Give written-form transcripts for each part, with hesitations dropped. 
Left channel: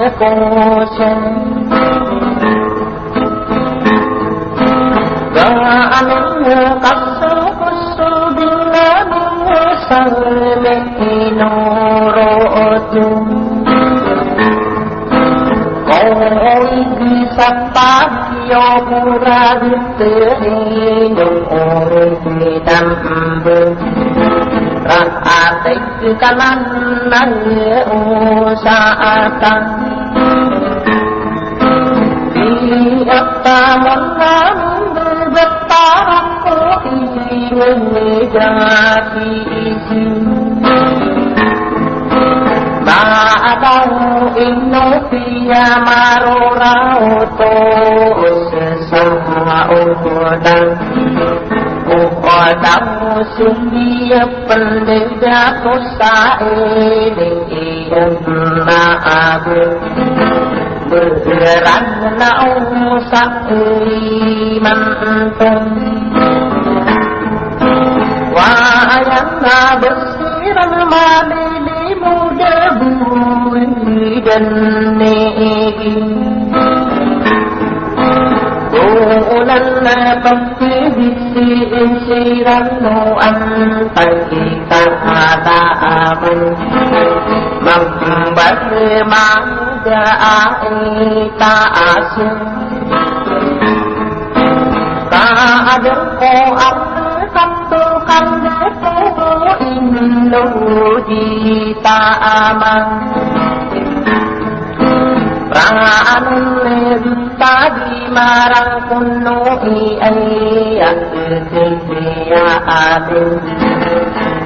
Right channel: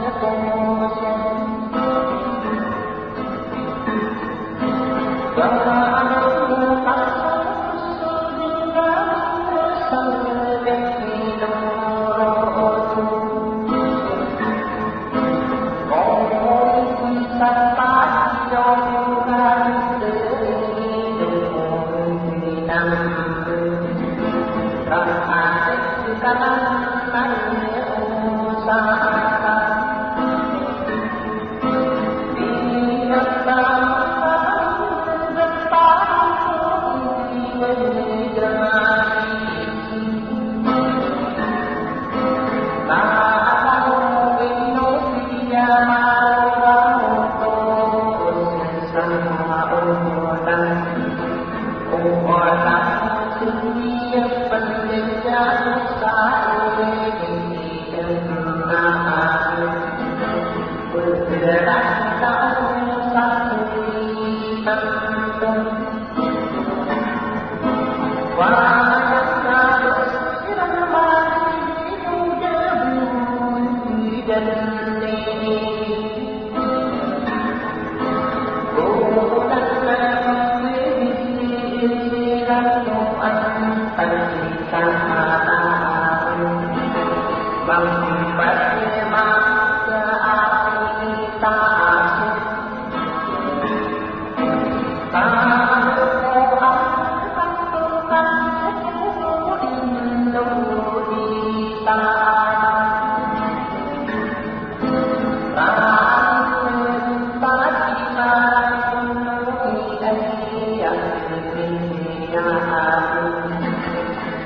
cô sen kanan usahakan diataman bergetar ingin jadi bahagian Indonesia marorauto sesama udan Uqadam musuhnya pendeta kusa'i dengan ma'abu bergerak na'um sa'i mantum wa'ayana bersiran madili muda budi dan ne'i bulan napakti sirano antay kahadaan magbalimang daay taasin kaadong ko ang kantukan nito inudi taaman raan tadi marang kuno iayat ya aduh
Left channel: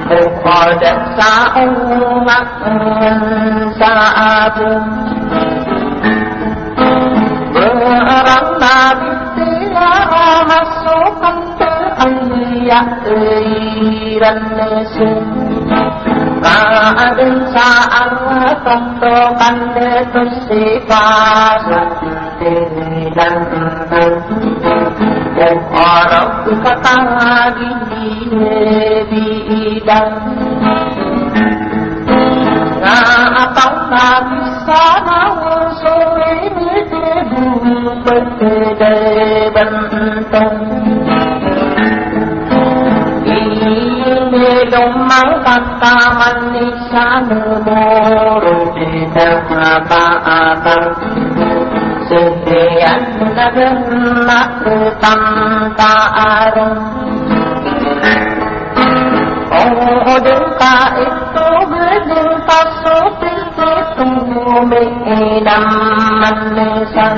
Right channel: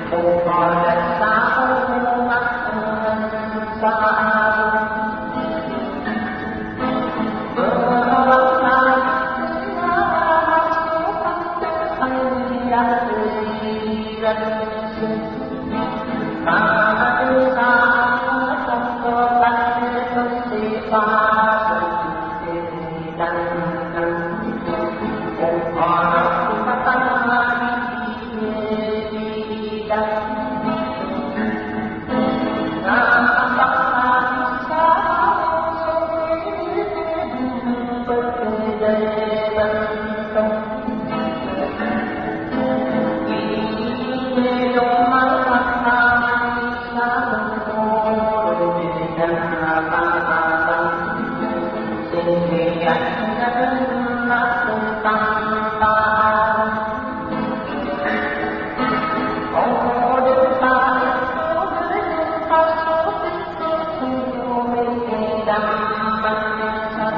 kepada sa'umak sa'abu berang nabi telah masukkan terayat iran nesin kaadun sa'ang tontokan letus sifat dan orang kata di dan apa bisa sore berbeda bentuk ini domang kata manusia nomor tidak apa-apa setiap nak tanpa arung oh duka itu berjumpa seperti itu mengenang manusia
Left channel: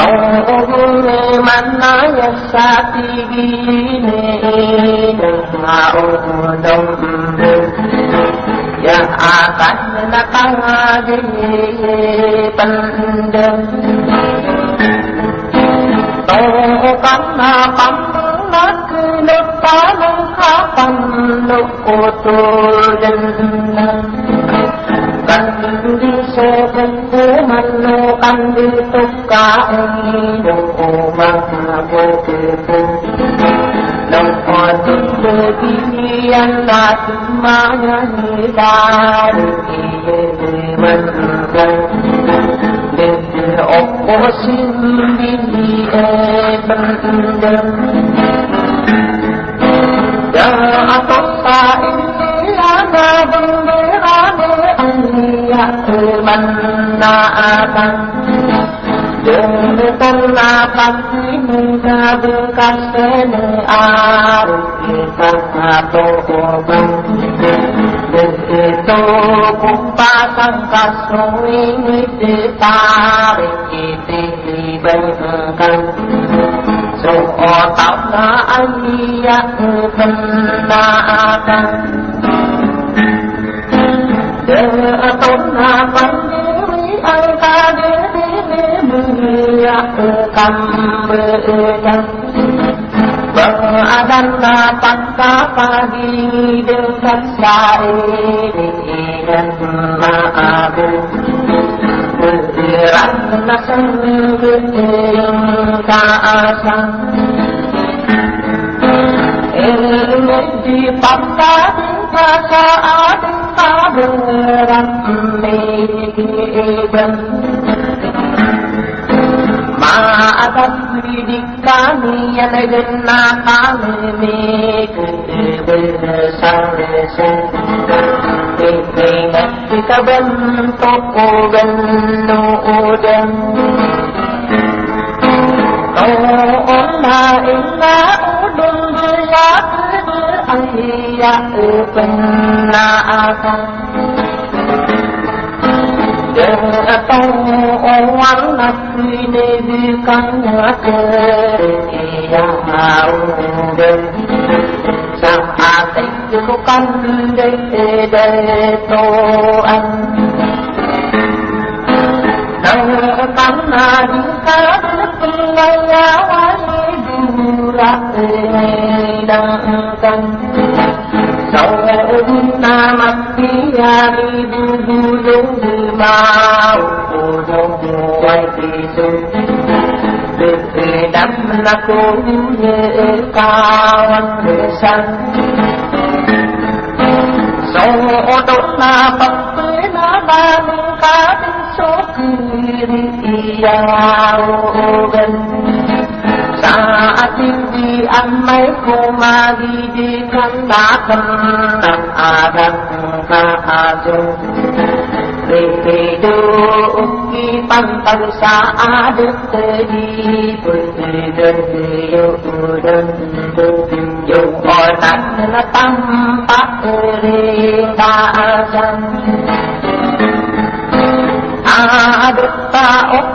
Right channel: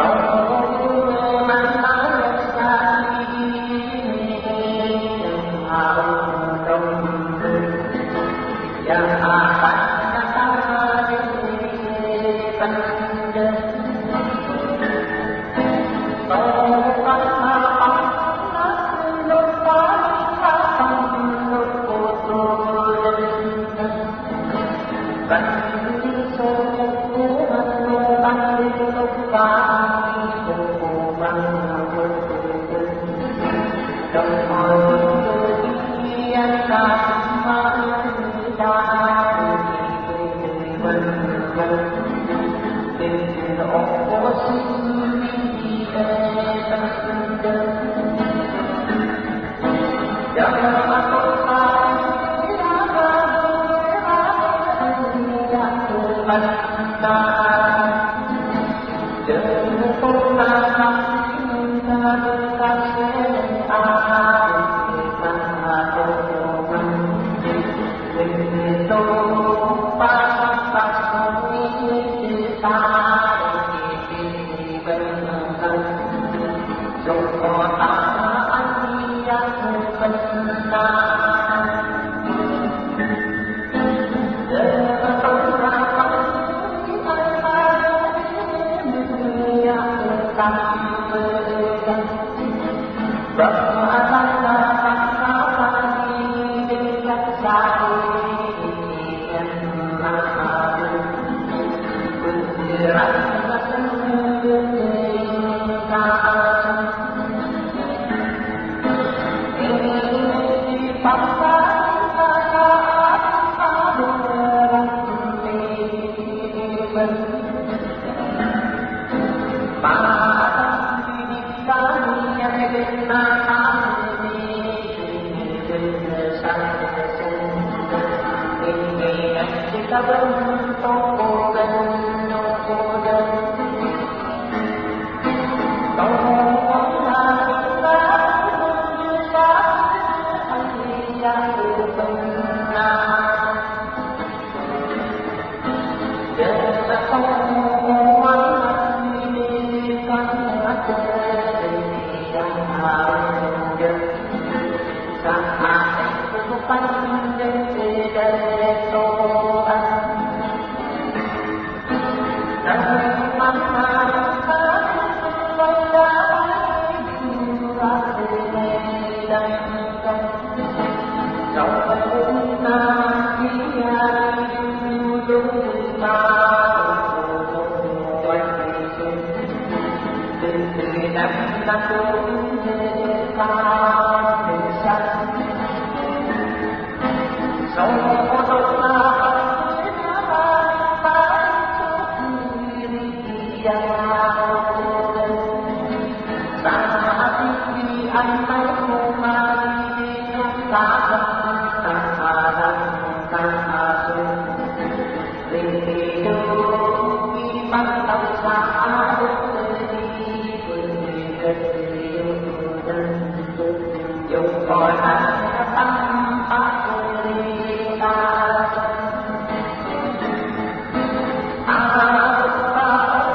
oh mana yang sati ini mau dong yang akan datang di pendem karena nak depan kapan lukutul dan kan di sebeku menukan di tukai hukuman begitu dan kebidian tak semuanya dari menurut opposing di pendem yang atas saing tiada berani ayat kemanaan dengan lapan hingga bekas senear kita atau begitu kumpasan kasui ditarik diberikan seotak ayat kebenaran Deaton lapan diri ada diri akan berjalan Badan lapan pagi dekat sa'irin ma'abu bergerak nasan bergerak ka'asa ingin dipaksa saat bergerak ben ma pendidikan yang dengan kami kita bentuk dan Allah inna udun ayat penaasan orang mati diberikan kehilangan saat itu bukan dari Tuhan dan karena duka pengayawan durak dan saudina mati hari dulu mau quay xuống từ đắm là cô như cao xanh sau đó là bậc tới nó ban cá số kỳ giàu gần xa tin đi ăn mấy cô mà đi khăn đá thân đặng dung để đi bằng xa được đi đơn dùng gọi tặng là tâm bác đa chân được ta ốc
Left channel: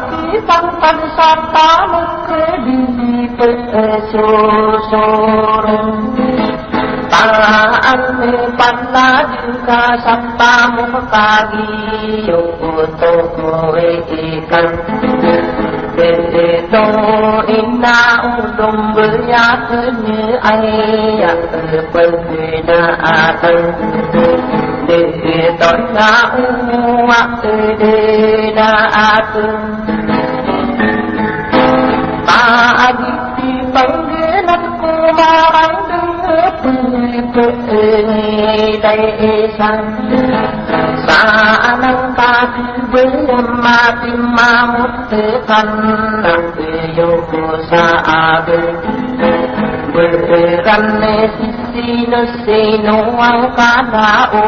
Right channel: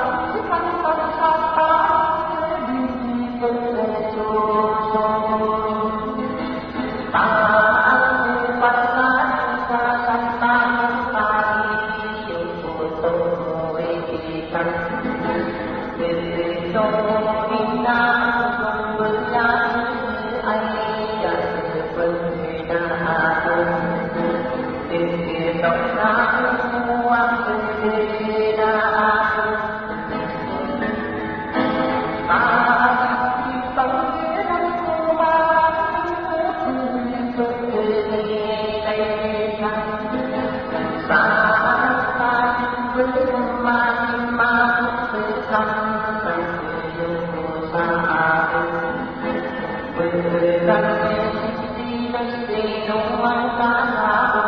bằng xa ta đi số ta ăn bằng lá ta sắp ta muốn ta đi tôi cần để tôi na đồng với giá thứ như ai quên na tân để tôi na mặc để na tân ta đi bằng nghĩa năm cô mà bánh đưa đây sang xa năng ta với ma tim ma một thế thân đang yêu cô xa bên gần si nó si nó ao cá đá ô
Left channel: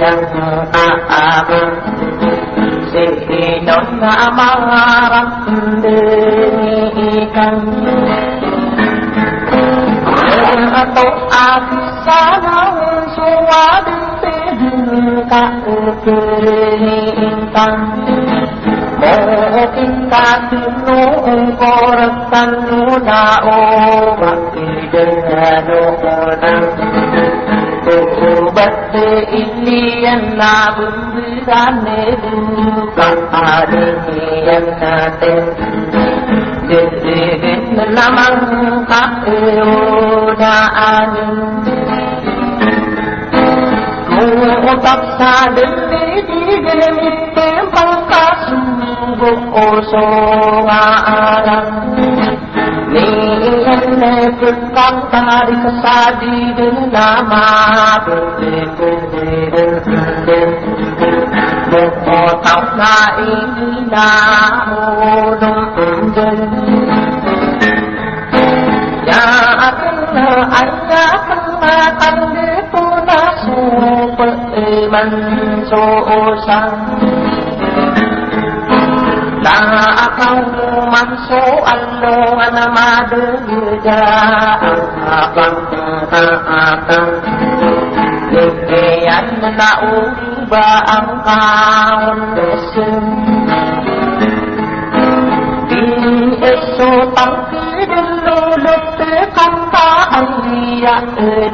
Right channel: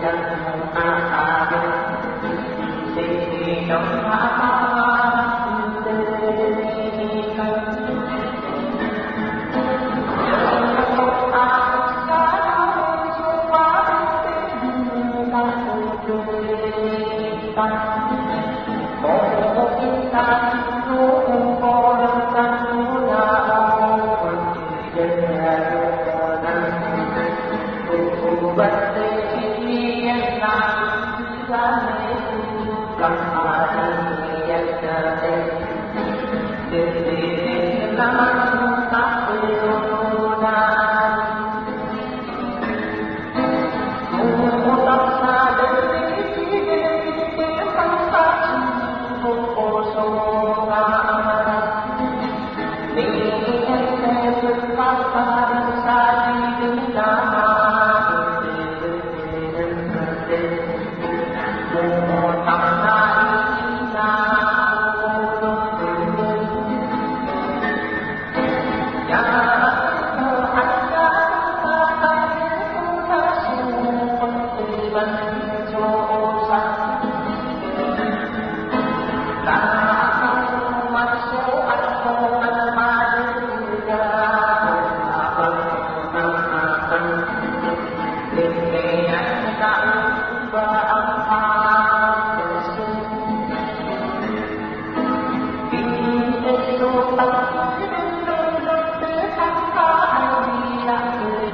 yang bên si nó ngã mang răng kan tôi xa nó xóa tăng kita tunu korakan nuna bakti dengan ubat ini yang nabungan bukan ada yang nate jadi namang tak udaan paksa diri so arang ni ene tukang tarik sadi nama buko tawna ina nunjun ya akna anya kang puna super man so sang kau masuk alungan madu juga abang Kekian tak ubah angkau desun Di esok dulu lepekan tak dia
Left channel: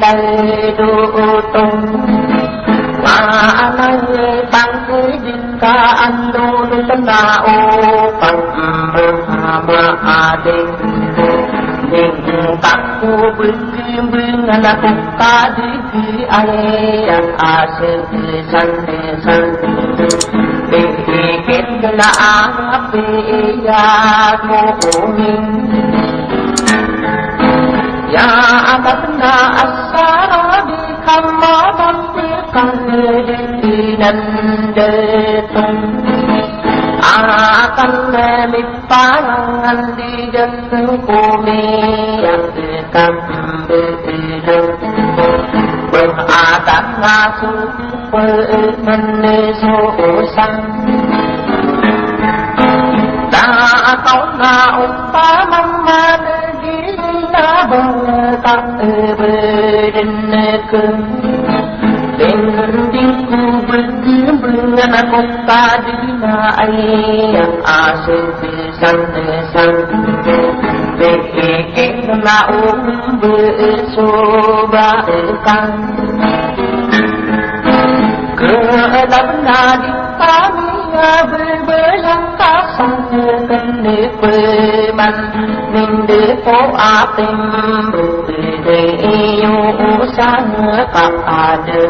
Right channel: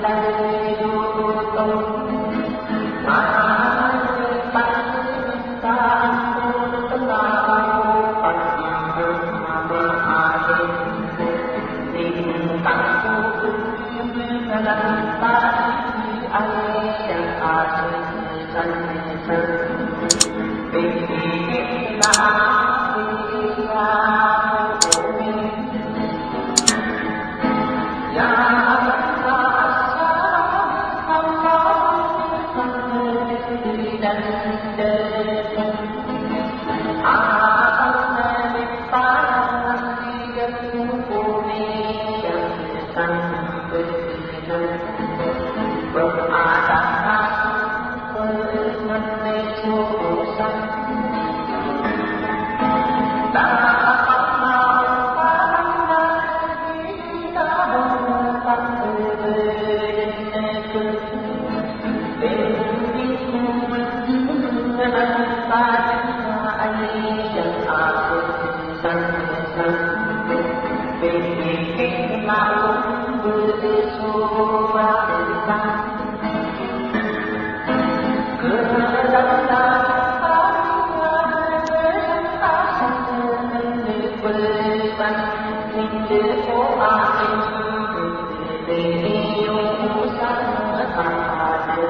dari dutung Mana tangguh jika andul tenau takku beri anak tadi di ayat asyik san pikir kena api ya mu'min ya abadna asara di kamar nhân đề tung akan lipanan di jannah bumi yang dekat berbeda berada nasu menesusan đã có na umpaman na bertak berdin ke dengan muktadina ayat asyik san Bekikna bersobakan Keadana di kami berbelang kasang Kende berman Ninde po ating Berdeyo sana tak ada